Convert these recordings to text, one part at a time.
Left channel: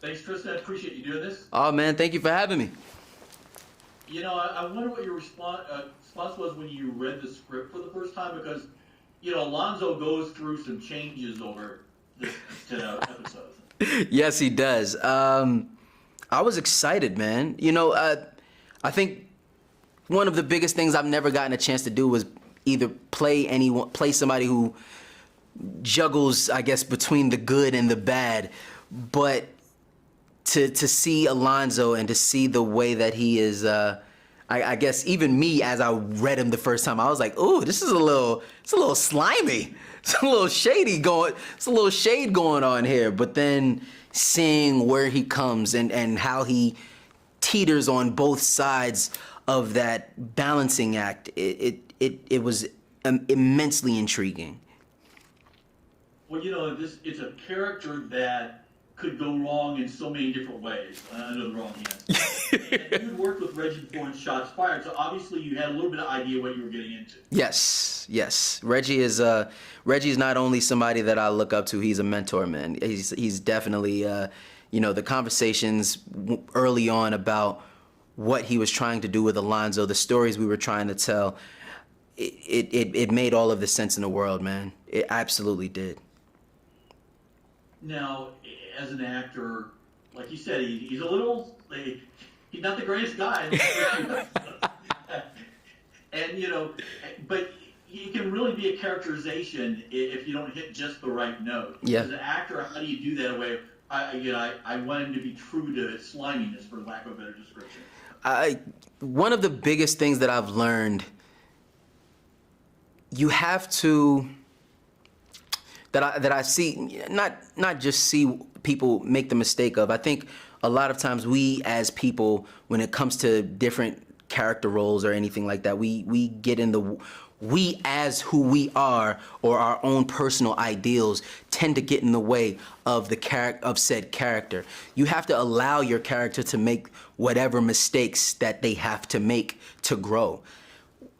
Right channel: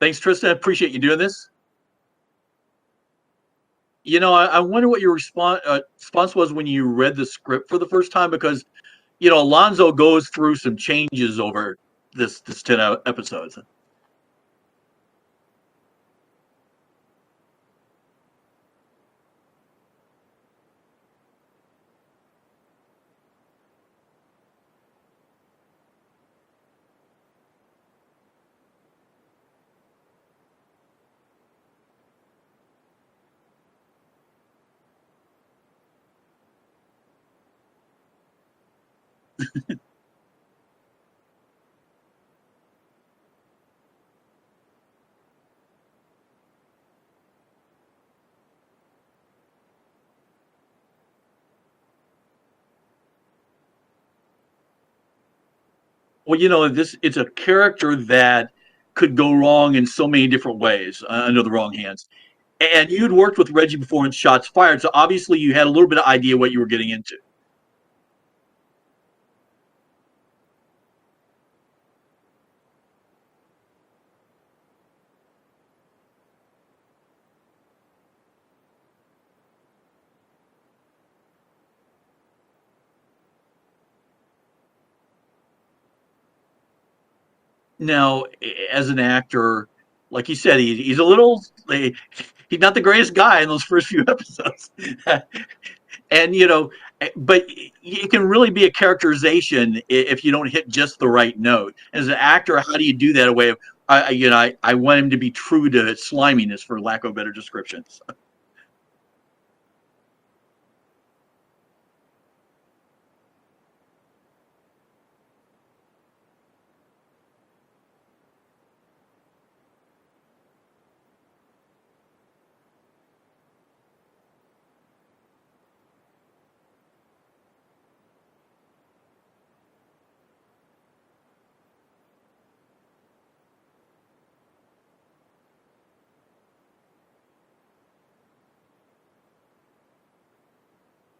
Thanks, Tristan. I appreciate you doing this. Oh man, thank you for having me. I wonder what your response was when you read the script for the first time, because Alonzo goes through some changes over this 10 episodes. Yes, he does. I was excited, man. I think one of the biggest things I've never gotten a chance to do was either play somebody who juggles, I guess, between the good and the bad, but to see Alonzo and to see the way that he is, I guess even me, as I read him the first time, I was like, "Ooh, it's a little slimy, it's a little it's a little shade going on here." But then seeing where he comes and how he teeters on both sides of that balancing act, it was immensely intriguing. Well, it's a character that could go wrong in so many different ways under the wrong hands. And you'd worked with Reggie before in Shots Fired, so obviously you had a little bit of idea what you were getting into. Yes. Reggie's not only somebody that I look up to, he's a mentor, man. He's definitely the conversations early on about what he was trying to do with Alonzo, the stories we were trying to tell, it made all of the sense in the world, man. It absolutely did. Now, as an actor, like you said, he's a little, he's not the greatest guy in those first few episodes. And, but it can really be a characterization if you don't hit just the right note. Yeah. As an actor, how do you do that away of, I want him to be true to sliminess, for lack of a better description. One of the biggest things that I've learned, you have to, that I see, not just see people make the mistake of. I think a lot of times we as people, when it comes to different character roles or anything like that, we get in we as who we are, or our own personal ideals, tend to get in the way of said character. You have to allow your character to make whatever mistakes that they have to make to grow.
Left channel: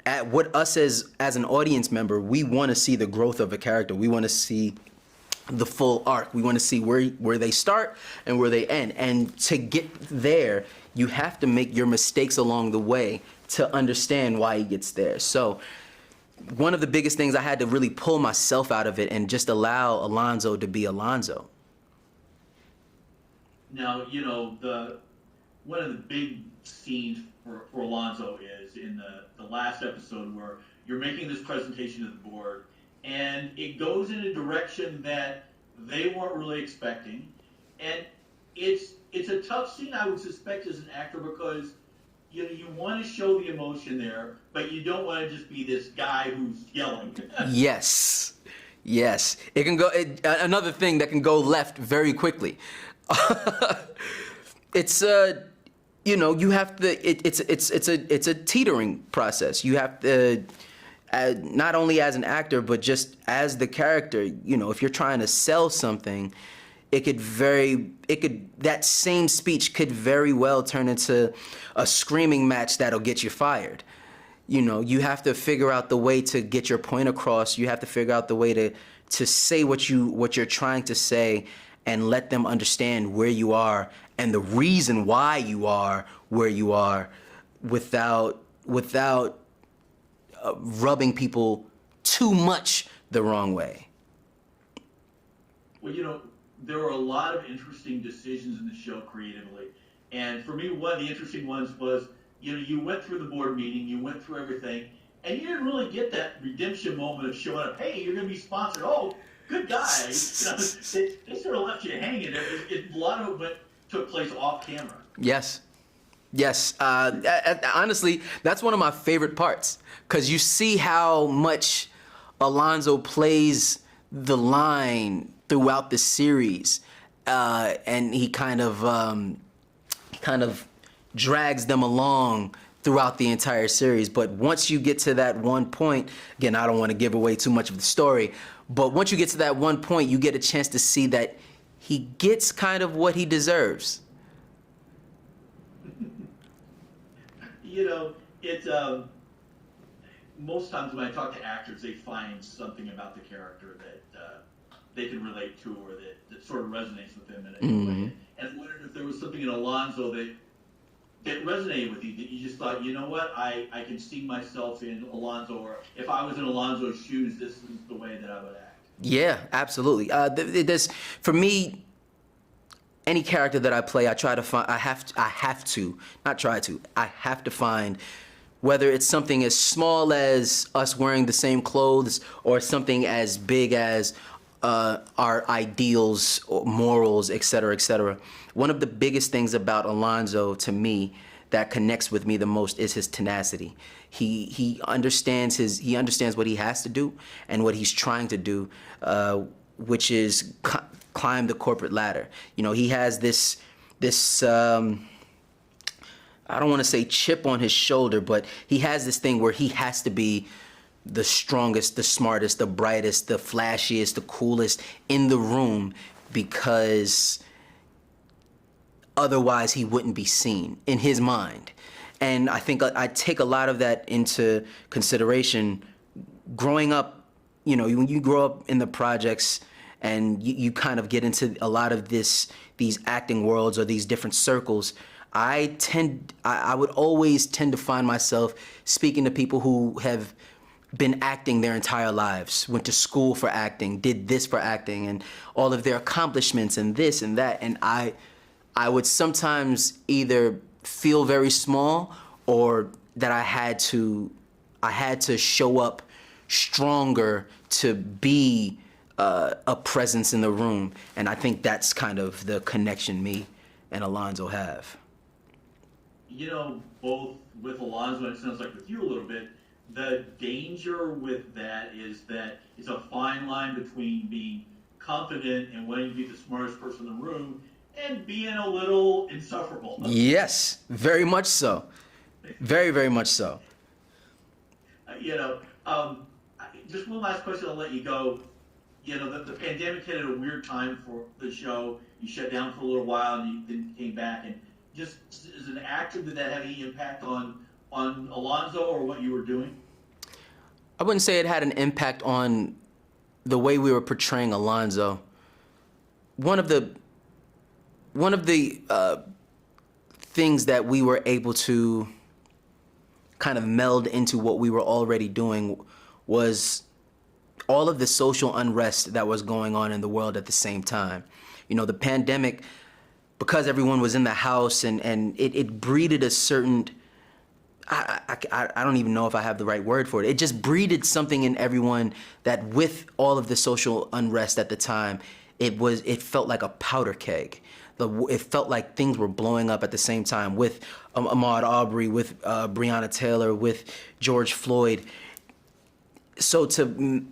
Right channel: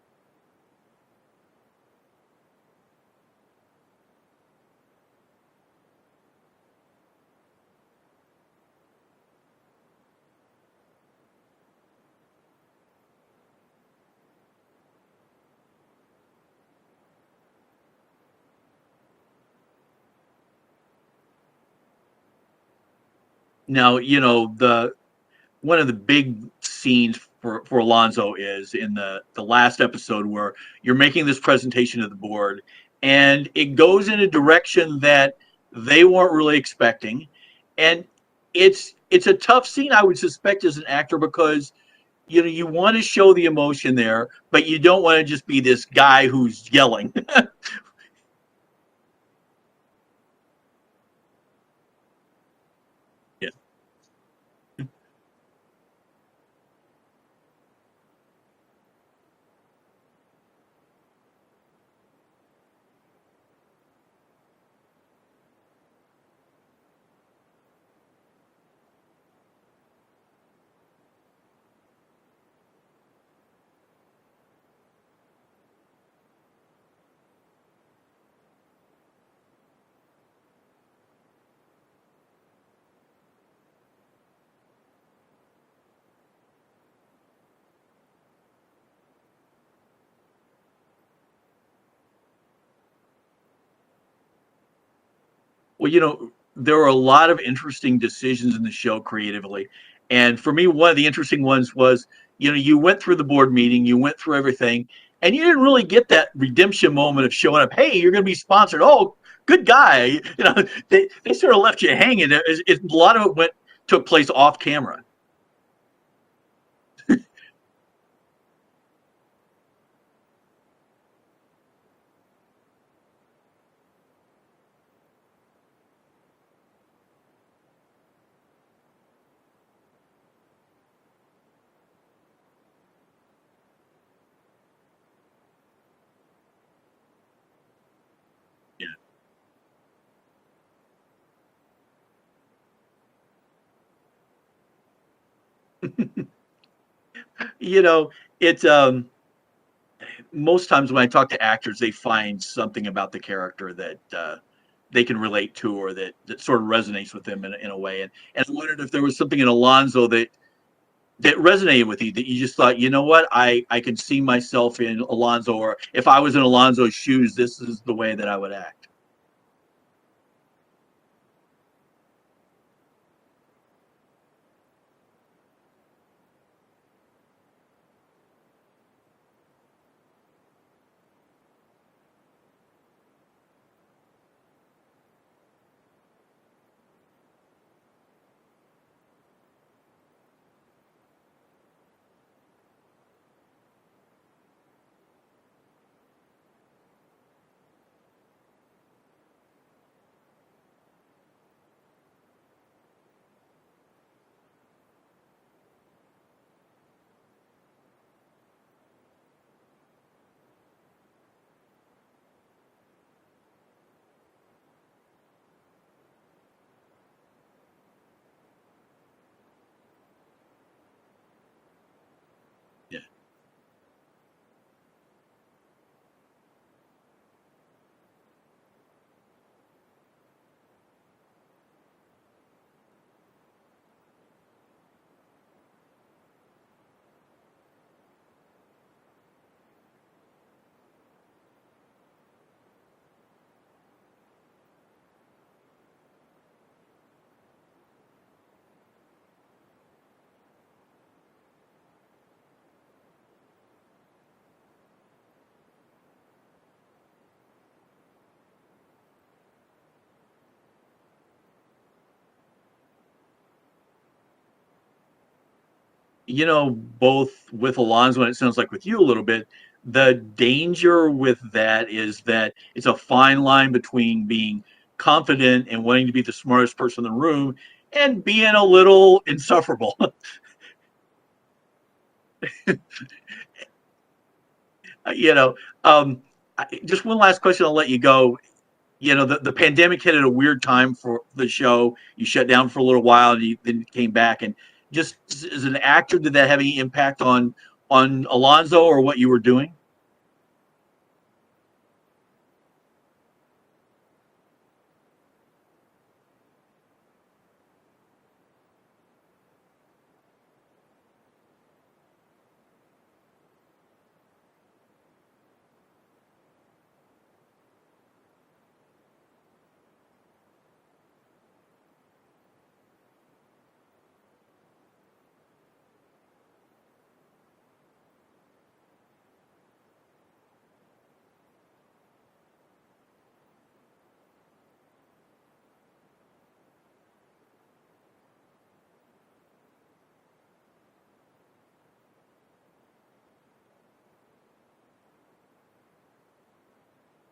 As an audience member, we want to see the growth of a character. We want to see the full arc. We want to see where they start and where they end. And to get there, you have to make your mistakes along the way to understand why he gets there. So one of the biggest things, I had to really pull myself out of it and just allow Alonzo to be Alonzo. Now, one of the big scenes for Alonzo is in the last episode, where you're making this presentation to the board, and it goes in a direction that they weren't really expecting. And it's a tough scene, I would suspect, as an actor, because you want to show the emotion there, but you don't want to just be this guy who's yelling. Yes. It can go, another thing that can go left very quickly. It's you have to. It's a teetering process. You have to, not only as an actor, but just as the character. If you're trying to sell something, that same speech could very well turn into a screaming match that'll get you fired. You have to figure out the way to get your point across. You have to figure out the way to say what you're trying to say, and let them understand where you are and the reason why you are where you are, without rubbing people too much the wrong way. Well, there were a lot of interesting decisions in the show creatively. And for me, one of the interesting ones was, you went through the board meeting, you went through everything, and you didn't really get that redemption moment of showing up. Hey, you're going to be sponsored. Oh, good guy. They sort of left you hanging. A lot of it took place off camera. Yes. Honestly, that's one of my favorite parts, because you see how much Alonzo plays the line throughout the series, and he kind of drags them along throughout the entire series. But once you get to that one point, again, I don't want to give away too much of the story, but once you get to that one point, you get a chance to see that he gets kind of what he deserves. It's most times when I talk to actors, they find something about the character that they can relate to, or that sort of resonates with them in a way. Mm. And I wondered if there was something in Alonzo that resonated with you, that you just thought, you know what, I can see myself in Alonzo, or if I was in Alonzo's shoes, this is the way that I would act. Yeah, absolutely. This for me, any character that I play, I try to find. I have to, not try to. I have to find, whether it's something as small as us wearing the same clothes, or something as big as our ideals, or morals, et cetera, et cetera. One of the biggest things about Alonzo, to me, that connects with me the most is his tenacity. He understands what he has to do and what he's trying to do, which is climb the corporate ladder. You know, he has this I don't want to say chip on his shoulder, but he has this thing where he has to be the strongest, the smartest, the brightest, the flashiest, the coolest in the room, because otherwise he wouldn't be seen in his mind. And I think I take a lot of that into consideration growing up. You know, when you grow up in the projects and you kind of get into a lot of these acting worlds or these different circles, I would always tend to find myself speaking to people who have been acting their entire lives, went to school for acting, did this for acting, and all of their accomplishments and this and that. And I would sometimes either feel very small, or that I had to show up stronger to be a presence in the room. And I think that's kind of the connection me and Alonzo have. You know, both with Alonzo and it sounds like with you a little bit, the danger with that is that it's a fine line between being confident and wanting to be the smartest person in the room and being a little insufferable. Yes, very much so. Very, very much so. You know, just one last question, I'll let you go. You know, the pandemic hit at a weird time for the show. You shut down for a little while and you then came back. And just as an actor, did that have any impact on Alonzo or what you were doing? I wouldn't say it had an impact on the way we were portraying Alonzo. One of the things that we were able to kind of meld into what we were already doing was all of the social unrest that was going on in the world at the same time. You know, the pandemic, because everyone was in the house, and it breeded a certain, I don't even know if I have the right word for it. It just breeded something in everyone that, with all of the social unrest at the time, it felt like a powder keg. It felt like things were blowing up at the same time, with Ahmaud Arbery, with Breonna Taylor, with George Floyd. So to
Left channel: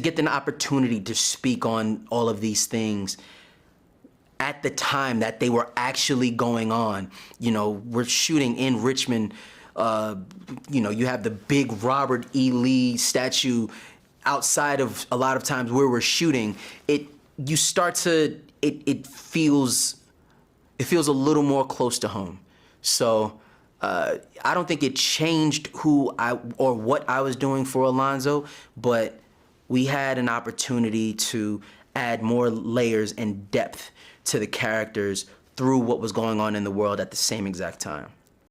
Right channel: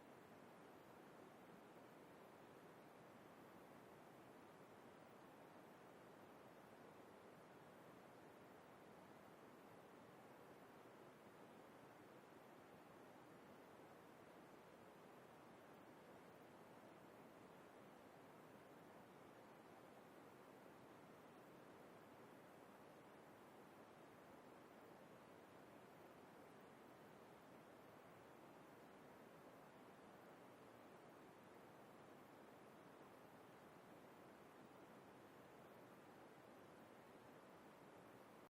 get an opportunity to speak on all of these things at the time that they were actually going on. You know, we're shooting in Richmond. You know, you have the big Robert E. Lee statue outside of a lot of times where we're shooting. It feels a little more close to home. So I don't think it changed who or what I was doing for Alonzo, but we had an opportunity to add more layers and depth to the characters through what was going on in the world at the same exact time.